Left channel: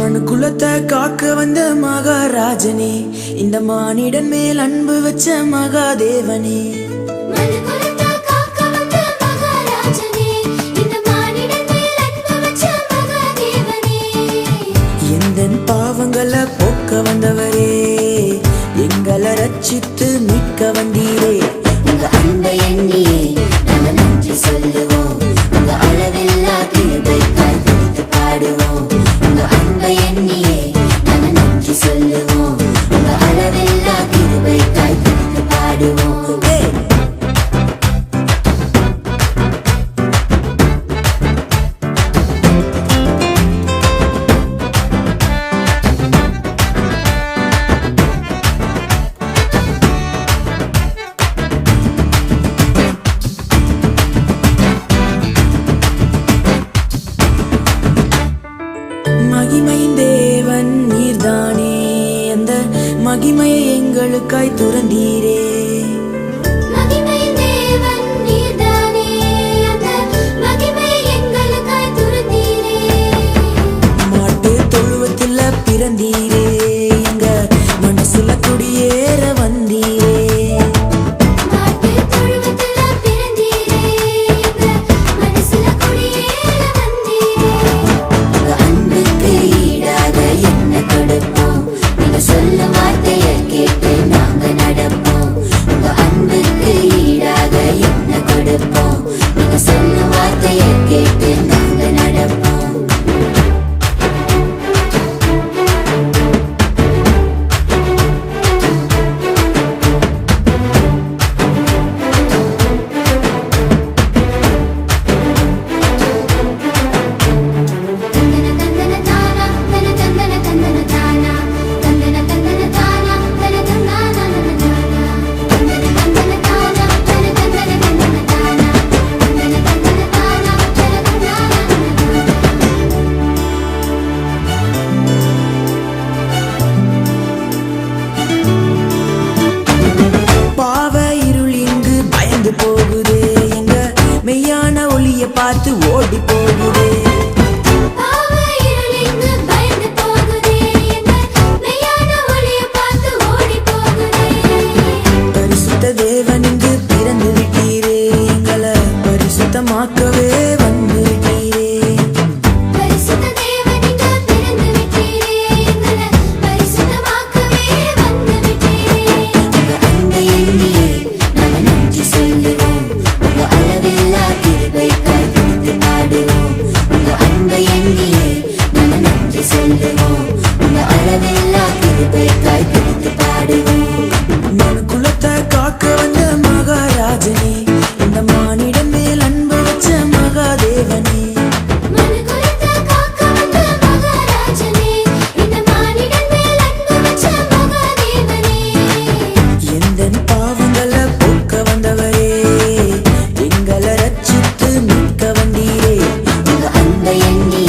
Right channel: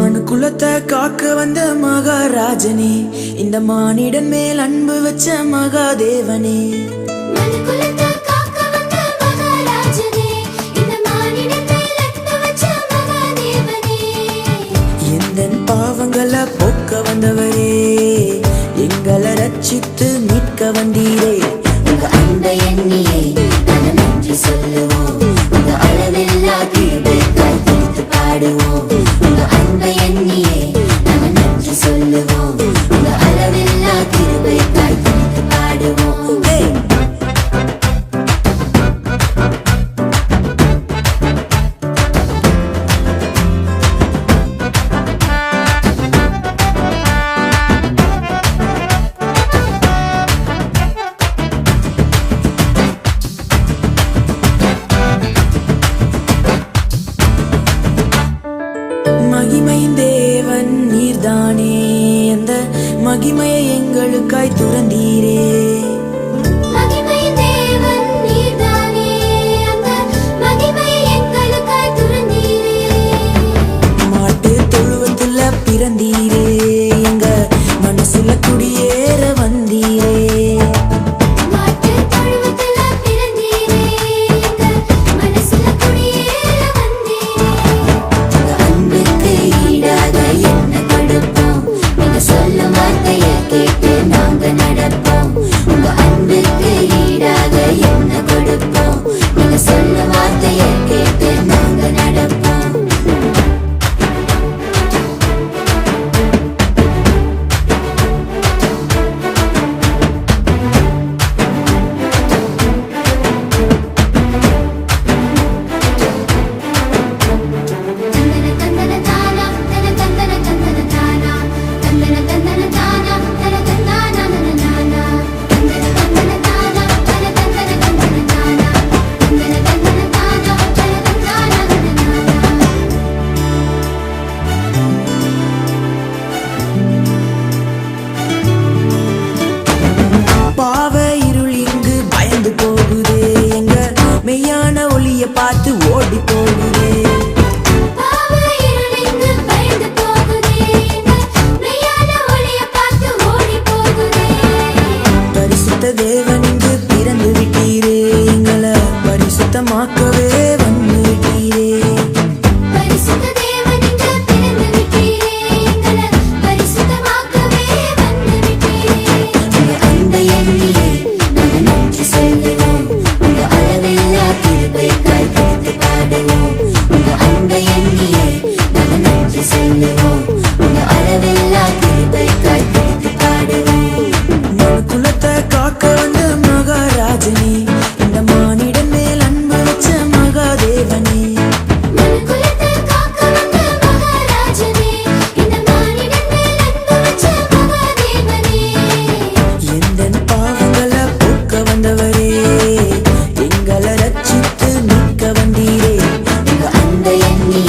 மனு குலத்தை காக்க வந்த மகாராஜனே, இந்த மானிடன் மேல் அன்பு வச்ச மகாதேவனே. எந்தன் பாவங்களை போக்க வந்தவரே, எங்களை ரட்சித்து மீட்க வந்தீரே. உங்க அன்பை எண்ணியே நாங்கள் நன்றி சொல்லுவோம், உங்க அளவில்லா கிருபைக்காய் துதித்து பாடுவோம். உங்க அன்பை எண்ணியே நாங்கள் நன்றி சொல்லுவோம், உங்க அளவில்லா கிருபைக்காய் துதித்து பாடுவோம். மகிமையின் தேவன் நீர்தானே, அந்த மகிமையை எங்களுக்காய் துறந்தீரே. மாட்டு தொழுவத்துல பிறந்தீரே, எங்க மனசுல குடியேற வந்தீரே. சொல்லும் வார்த்தையை கேட்டு நாங்க நடப்போம், உங்க அன்புக்கு ஈடாக என்ன கொடுப்போம். நீங்க சொல்லும் வார்த்தையை கேட்டு நாங்க நடப்போம். பாவ இருள் இங்கு பயந்து போகுதே, எங்க மெய்யான ஒளிய பார்த்து ஓடி போகுதே. பரிசுத்த தேவன் இங்கு பிறந்து விட்டீரே, எங்களை பரிசுத்தமாக்கவே வந்து விட்டீரே. நன்றி சொல்லுவோம், உங்க அளவில்லா கிருபைக்காய் துதித்து பாடுவோம். உங்க அன்பை எண்ணியே நாங்கள் நன்றி சொல்லுவோம், உங்க அளவில்லா கிருபைக்காய் துதித்து பாடுவோம். மனு குலத்தை காக்க வந்த மகாராஜனே, இந்த மானிடன் மேல் அன்பு வச்ச மகாதேவனே. பாவங்களை போக்க வந்தவரே, எங்களை ரட்சித்து மீட்க வந்தீரே. உங்க அன்பை எண்ணி